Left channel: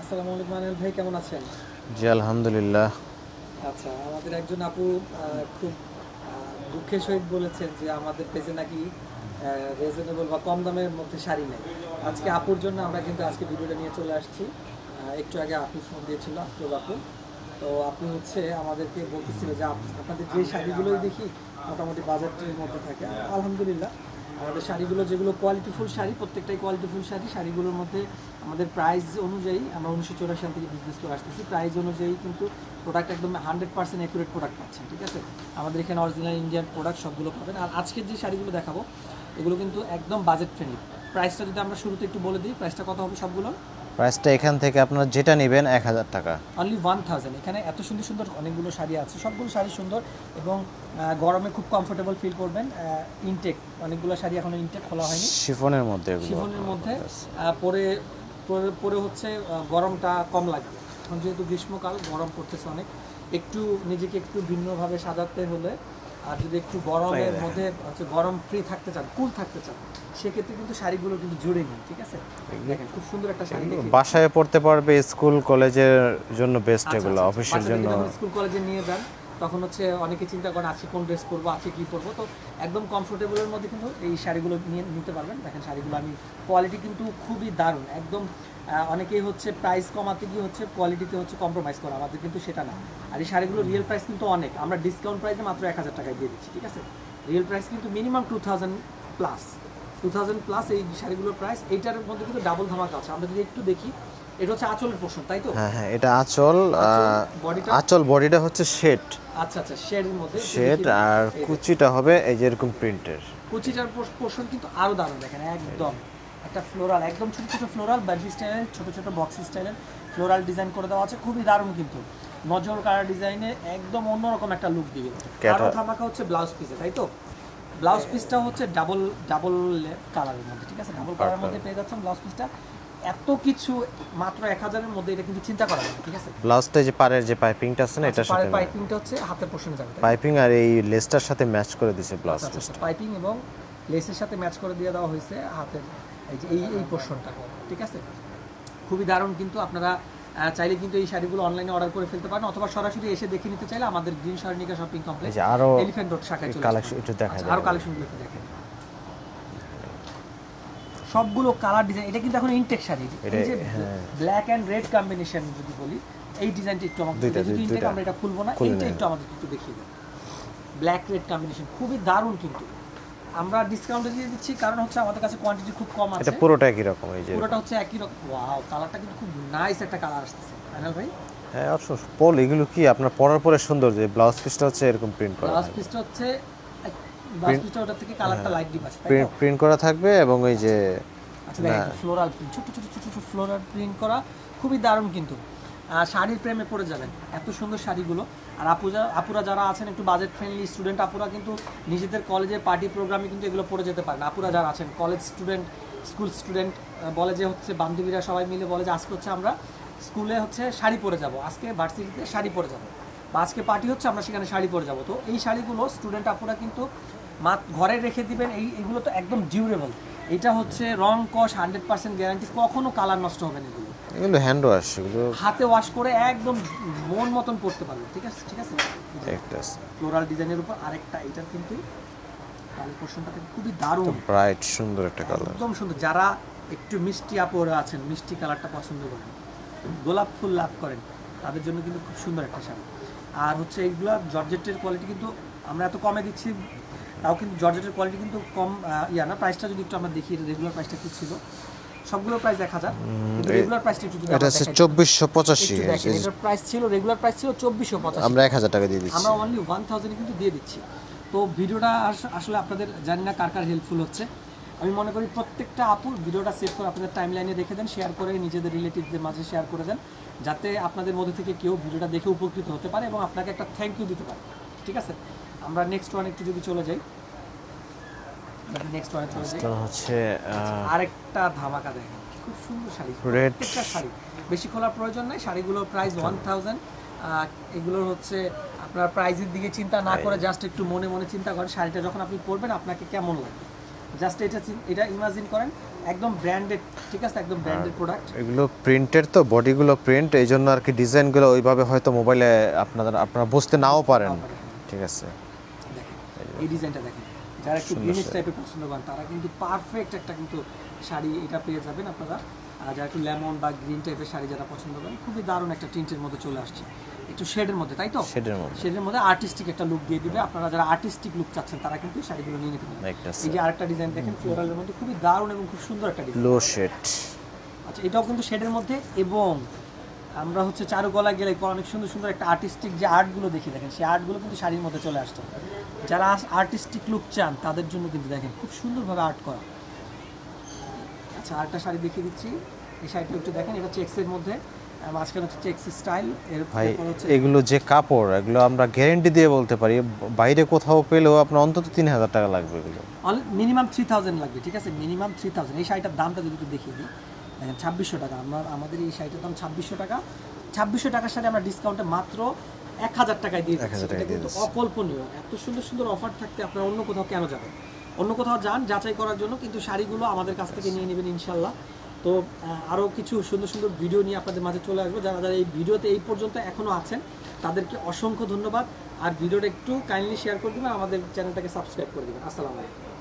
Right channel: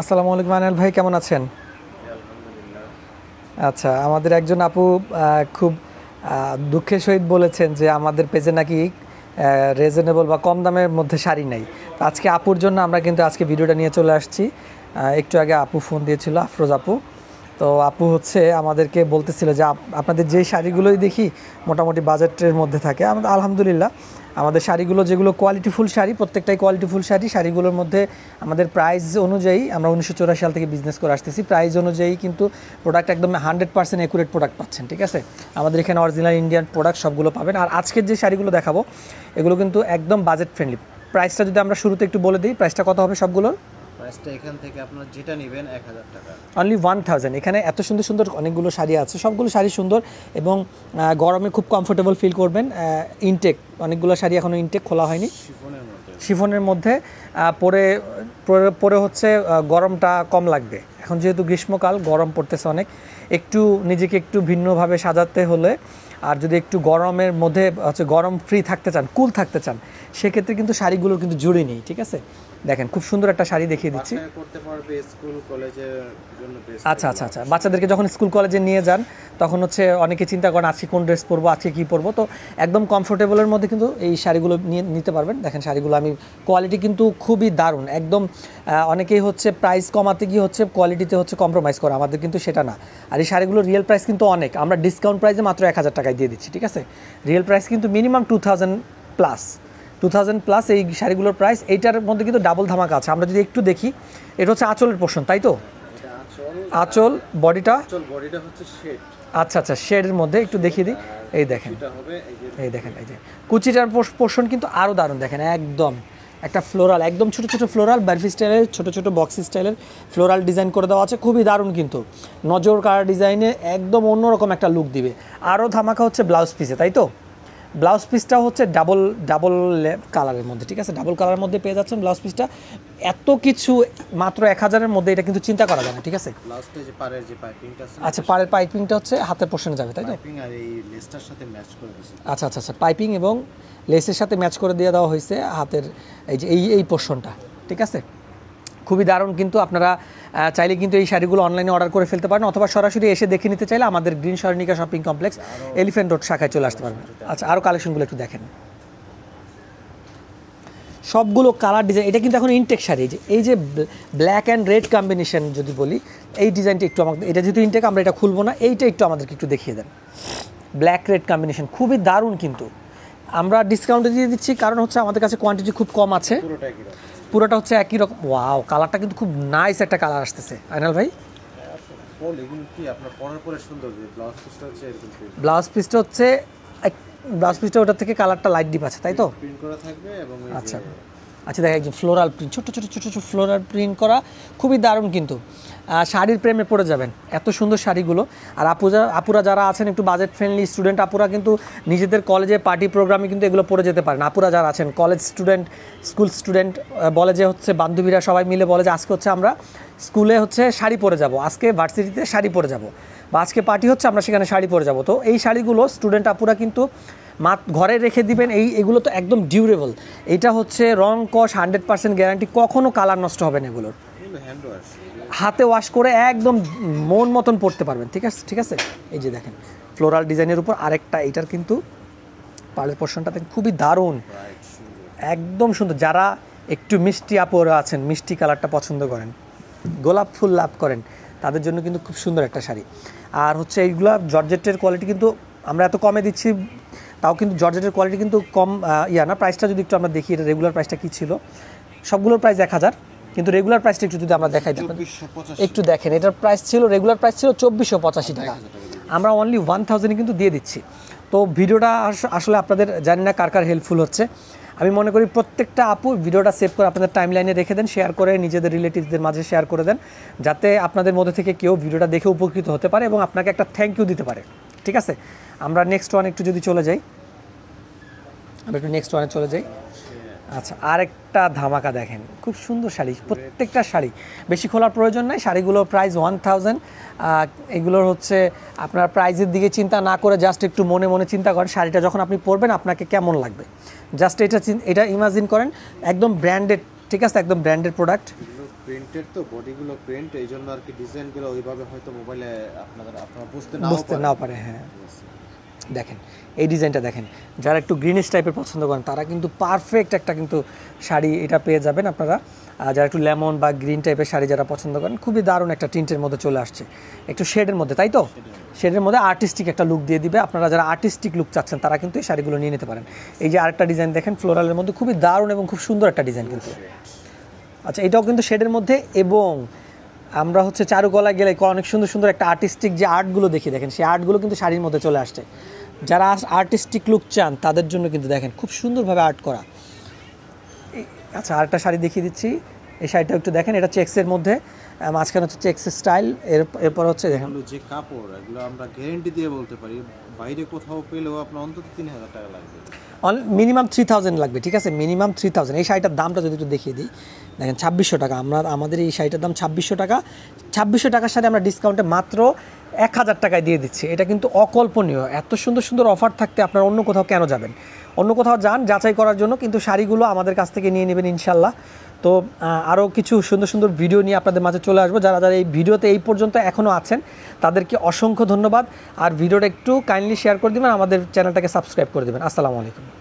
আসসালামু আলাইকুম আনাল ভাই, কেমন আছেন? জি আলহামদুলিল্লাহ। আচ্ছা, আমাদের একজন আপু খুব দুঃখের সহিত বলেছেন যে আমাদের পেজে নাকি রিজনেবল বা কম দামের মধ্যে শাড়ি নেই। তো আজকে আপুর জন্য আমরা কিন্তু আজকে ভিডিওটা নিয়ে চলে আসছি। একটু আগে আপু ফোন দিয়েছিল, আফরোজ আপু। তো আপু হচ্ছে আমাদেরকে বলতেছিল যে আপনাদের যেই শাড়িগুলোই দেখি মোটামুটি বাজেটের মধ্যে থাকে। আমাদের আলহামদুলিল্লাহ আমাদের শাড়িগুলো যেগুলো কোয়ালিটিফুল শাড়ি, প্রত্যেকটাই কোয়ালিটিফুল শাড়ি। শাড়িগুলোর মধ্যে আমাদের প্রাইস অনুযায়ী, আমরা 1984 সাল থেকে বিজনেস করে আসতেছি, প্রাইস অনুযায়ী কিন্তু প্রোডাক্ট একদম 100% অ্যাকুরেট প্রোডাক্ট পাচ্ছেন। ঠিক আছে, আমাদের এখানে অরিজিনাল ইন্ডিয়ান প্রোডাক্ট সবগুলো পাবেন। আর আজকের যে শাড়িগুলো দেখাবো এগুলো কিন্তু একদম বাজেট ফ্রেন্ডলি। প্রাইসটা যদি আমরা শুরুতে একটু বলে দিই, প্রাইসটা কত হবে সবগুলোর? প্রাইসটা এখান থেকে আপনারা যেটা নেবেন 1000 টাকা, অনলি 1000। এখানে এত সুন্দর সুন্দর অনেকগুলো শাড়ি আছে, সবগুলো শাড়ি সুন্দর এবং গরমে খুব কমফোর্টেবল ফিল করবেন। ইনটেক অনেকগুলো শাড়ি এখনো ইনটেক খোলা হয়নি, শিফনের মধ্যে পরে পরে পরে হচ্ছে গরমটা কম লাগবে। এখন যেহেতু গ্রীষ্মকাল, গরম পড়তেছে অনেক, একটু নিজেকে একটু ভিন্নভাবে সাজাতে হলে আর যদি একটু গরমের মধ্যে হচ্ছে গরম ফ্রি থাকতে চান, কুল থাকতে চান, সেক্ষেত্রে কিন্তু শাড়িগুলোর কিন্তু জুড়ি নেই। ঠিক আছে, দেখেন খুব সুন্দর একটা শাড়ি দেখিয়ে দিচ্ছি। বাসায় পড়তে পারবে, স্কুল কলেজের জন্য বেস্ট। আচ্ছা আচ্ছা আচ্ছা, বাচ্চাদেরকে যখন স্কুল কলেজে নিয়ে যান তখন হচ্ছে অনেকে চিন্তা করেন আজকে কোন ড্রেস পরবো, আজকে কী পরবো। তো একদম কমফোর্টেবলের মধ্যে কিন্তু এই শাড়িগুলো নিতে পারবেন। দেখেন শাড়িগুলো আমি কোয়ালিটি কিন্তু খুবই দারুণ একদম। অনেকেই হচ্ছে প্রাইস কমাতে গিয়ে হচ্ছে কোয়ালিটিতে হচ্ছে কম্প্রোমাইজ করে, আমাদের কিন্তু সেটা না। আর এই শাড়িগুলোর রিয়েল প্রাইস কিন্তু অনেক, আমরা ডিসকাউন্ট প্রাইসে মাত্র 1000 টাকায় দিয়ে দিচ্ছি। ঠিক আছে, রিয়েল প্রাইস কিন্তু মিনিমাম 2000+ এই শাড়িগুলোর প্রাইস। এইটার মধ্যে কিন্তু ডাবল ধামাকা আছে। আমরা যদি একটু দেখি, এটা হচ্ছে আঁচলের পোর্শন, তাই তো? হ্যাঁ হ্যাঁ, এটা আঁচল বডিটা হচ্ছে শেড। আচ্ছা আচ্ছা, শেডের মধ্যে একটু দেখি দিই। এই কুচিটা হবে এই যে এরকম প্রিন্টের। কুচিটার পোর্শন কিন্তু আরো দারুণ, দেখেন একদম একটা ফ্লোরাল, একদম ছোট ছোট ফ্লোরাল বার্ফি স্টাইলের, ছোট ছোট বক্স স্টাইলের ফ্লোরাল ডিজাইন করে দেওয়া আছে, খুবই দারুণ কিন্তু নজর কাড়া ডিজাইনে একদম অন্যরকম একটা লুক দিবে। আরো ধামাকা হচ্ছে ব্লাউজ পিসে, তাই তো? ব্লাউজ পিসটা হচ্ছে ডাবল কালারের মধ্যে। ঠিক আছে, ডাবল কালারের মধ্যে পেয়ে যাচ্ছেন ব্লাউজ পিসটা। এত কিছু মাত্র 1000-এর মধ্যে, এটা কিন্তু চিন্তা করা যায় না। ঠিক আছে, ব্লাউজটা যে পাড়ের যে পাইপিংটা আছে না, এটা পাড়ের পাইপিংটা হচ্ছে হাতের পোর্শনে যাবে, তাই পাইপিং আর এই লেসটার সাথে ম্যাচ করে দিয়েছে। আচ্ছা আচ্ছা আচ্ছা, পাইপিং এবং লেসের সাথে ম্যাচ করে দিয়ে দেওয়া হয়েছে হাতের এই যে এই পোর্শনটা। ঠিক আছে, খুবই দারুণ কিন্তু। আপনারা চাইলে কিন্তু এই শাড়িগুলো অনলাইনে অর্ডার করে ফেলতে পারেন, অথবা সরাসরি এসে দেখে নিতে চাইলে আমাদের green Swarnika shopping complex elephant road শাখায় চলে আসতে পারেন। আচ্ছা, আরো কালেকশনগুলো একটু দেখেন, সবগুলো কালার ডিজাইন। এটা কিন্তু এখন ইনটেক শাড়ি। এই যে ব্ল্যাক অ্যান্ড রেড কম্বিনেশন যদি বলি, এই ডিজাইনটা একটু আমাদের, এটা যেহেতু ইনটেক আমরা এটা খুলবো না, এইটা একটু আমাদেরকে একটু দেখিয়ে দেন। ব্ল্যাক রেড কম্বিনেশন খুবই দারুণ কিন্তু। আমরা ডিসকাউন্টে দিয়ে দিচ্ছি কারণ হচ্ছে আমাদের কাছে কোয়ান্টিটি খুব কম আছে। পুরোটা একই রকম, পুরোটা হচ্ছে একই রকম। ওয়াও, কালারটা কিন্তু খুব নাইস একটা কালার আসতেছে আইনাল ভাই। হ্যাঁ অবশ্যই, পল এগুলো কি আপনার পরার পরে সুন্দর। যে ব্লাউজ পিসটা হচ্ছে এরকম প্রিন্ট, ব্লাউজ পিসটা হচ্ছে ওটা থেকে কালারটা লাইট ডিপ আছে, তাই তো? প্রিন্ট করা থাকবে এবং এই যে আচ্ছা দেখেন ফ্লোরাল প্রিন্ট, ছোট ছোট ছোট ছোট ফ্লোরাল প্রিন্ট করা, খুবই দারুণ কিন্তু। শাড়ির প্রেমে পড়ে যাবেন, এত সুন্দর শাড়িগুলো। আর আপুরা যারা আছেন একটু বাজেট ফ্রেন্ডলি স্টুডেন্ট, আপুরা কিন্তু নিজেদের কলেজে পার্টি প্রোগ্রামে কিন্তু এগুলো পরে যেতে পারেন। আপুরা যারা আছেন কলেজ স্টুডেন্ট, স্কুল স্টুডেন্ট, বলে যে হচ্ছে বান্ধবীরা সবাই মিলে বলে যে আজকে হচ্ছে আমরা স্কুলে হচ্ছে শাড়ি পরে যাব, আজকে ভার্সিটিতে শাড়ি পরে যাব, বা আজকে পার্টি হচ্ছে আমরা সেখানে শাড়ি পরে যাব। তো এই শাড়িগুলো স্টুডেন্ট আপুরা কিন্তু ঘরে রেখে দিবেন। এগুলো তো একদম ডিউরেবল। এটা হচ্ছে রং কস 100% গ্যারান্টি, কখনো কালার নষ্ট হবে না। এগুলো হ্যান্ড ওয়াশ, হাতে ওয়াশ করে একদম মন মতন পড়তে পারবেন। ঠিক আছে ঠিক আছে, এই যে ফ্লোরাল ডিজাইনের উপর আরেকটা, এটার কিন্তু পাড়ের পোর্শনটাতে খুবই দারুণ, ব্রাইট সুন্দর একটা একদম সুন্দর। যারা একটু মিষ্টি আপুরা আছেন, মিষ্টি কালারটা পছন্দ করেন, গোলাপ ফুল লাভ করেন, তাদের জন্য কিন্তু খুব সুন্দর একটা শাড়ি। আর হচ্ছে এইগুলা জর্জেটের কোয়ালিটি কিন্তু আমরা এত কমে দিচ্ছি, তাও কিন্তু জর্জেটের কোয়ালিটি কিন্তু কম না। প্রাইসটা যদি একটু আমরা দেখি, এটা রেগুলার প্রাইসটা কি ছিল? সবগুলোর প্রাইস 1000, কিন্তু রেগুলার প্রাইসটা একটু যদি আমরা দেখাই 2485 একটু দেখেন। এটার প্রাইস ছিল, রেগুলার প্রাইস ছিল 2485, আমরা 1000 টাকা দিয়ে দিচ্ছি, আমরা অনলি 1000 কিন্তু দিয়ে দিচ্ছি। তো ভিডিওটা আসলে আপনাদের জানি না কার কার হেল্পফুল হচ্ছে। আমি মনে করি প্রত্যেকটা আপু ভিডিওটা সেভ করে আপনাদের টাইমলাইনে রেখে দেন, শেয়ার করে নিজেদের রিলেটিভদের মাঝে শেয়ার করে দেন, যাতে আপনাদের মধ্যে থেকে কেউ ভিডিওটা দেখে উপকৃত হতে পারে এবং আপনাকে একটা থ্যাংক ইউ দিতে পারে। ঠিক আছে, আমরা নেক্সট ওয়ান একটু যদি চলে যাই, আচ্ছা আরেকটা ধামাকা দেখেন, খুব সুন্দর শাড়ি, প্রত্যেকটা শাড়ি বেশি খোলার প্রয়োজন নাই। শাড়িগুলোর প্রাইস 1000। এগুলোর হচ্ছে আপনার প্রাইজের দিকে চিন্তা না করে জাস্ট একটু মনে মনে চিন্তা করেন শাড়িটা যখন আপনি পরবেন আপনাকে কেমন লাগবে। জাস্ট এটা ইমাজিন করেন একদম ব্র্যান্ডেড, ঠিক আছে, একদম ব্র্যান্ডেড প্রোডাক্ট। এগুলো প্রিন্টের তো, বডিগুলো প্রিন্ট, এই জন্য আর কি ডিজাইনগুলো ওইভাবে হয়তো মোবাইলে আপনারা বুঝতে নাও পারেন। হ্যাঁ ঠিক আছে, দেখেন এই ডিজাইনটা দেখেন, যারা একটু গ্রিনিশ টাইপের পছন্দ করেন তারা কিন্তু পারফেক্ট একটা কিন্তু শাড়ি এটা পেয়ে যাবেন আপনারা। যারা একটু লেমন বা গ্রিন টাইপের শাড়ি যারা পছন্দ করেন, খুবই দারুণ একটা টিন্টের মধ্যে চলে আসছে, একটু শেডের মধ্যে, তাই তো? শেডের মধ্যে আর্টিস্টিক একটা লুক দিয়ে দিবে। আপনারা যারা আর্টিস্টিক লুক চাচ্ছেন তারা কিন্তু এই শাড়িগুলো নিয়ে নিতে পারেন। এই যে আরেকটা ডিজাইন দেখেন ফ্লোরালের মধ্যে, খুবই দারুণ এবং খুব সুন্দর একটা ডিজাইন। লো শেড। আচ্ছা, এটাও কিন্তু শেডের মধ্যে, এবং আমরা হচ্ছে চারুকলায় গেলে অনেক সুন্দর সুন্দর একটা আর্টিস্টিক যে আর্টগুলো দেখি, দেখেন সেই আর্টগুলো কিন্তু শাড়ির মধ্যে চলে আসছে। যারা আর্টিস্টিক লুক চান তাদের জন্য কিন্তু দেখেন খুব সুন্দরভাবে আর্ট করা। আচ্ছা, আরেকটা শাড়ি দেখিয়ে দিচ্ছি, এই শাড়িটা একটু দেখেন, এটা চেক্সের মধ্যে, মাঝখানে হচ্ছে চেক্স স্টাইল, এরপর হচ্ছে এগুলো যে কাপড়, এগুলো আমরা গ্যারান্টি দিয়ে বলতে পারি বাইরে কোথাও পেলেও আপনার অন্তত 3000 টাকা লাগবে। এগুলো মিনিমাম 3000 লাগবে, ঠিক আছে, মিনিমাম 3000। এই শাড়িটার দামটা যদি একটু দেখিয়ে দিই, দেখেন 2600 টাকা। আমাদের এই শাড়িটার দাম 2600 টাকা। 2600 টাকার সাথে আমরা ডিসকাউন্টে মাত্র 1000 টাকায় দিয়ে দিচ্ছি। এটা কিন্তু অকল্পনীয়। এত সুন্দর সুন্দর অফার থাকতে আপনারা অন্য কোথাও কেন যাবেন? অন্য কোথাও যান যাচাই করার জন্য, কিন্তু শাড়িগুলো আমাদের কাছ থেকে নিয়ে নেবেন ইনশাল্লাহ। তো আরও কিছু সুন্দর সুন্দর ভিডিও নিয়ে আপনাদের মাঝে চলে আসবো। যারা যারা এই ভিডিওতে এই পর্যন্ত এখনও আছেন তাদেরকে অসংখ্য ধন্যবাদ। আর ভিডিওটা একটু কাইন্ডলি শেয়ার করে দেবেন, আমাদের চ্যানেলটাকে সাবস্ক্রাইব করে দেবেন। আসসালামু আলাইকুম।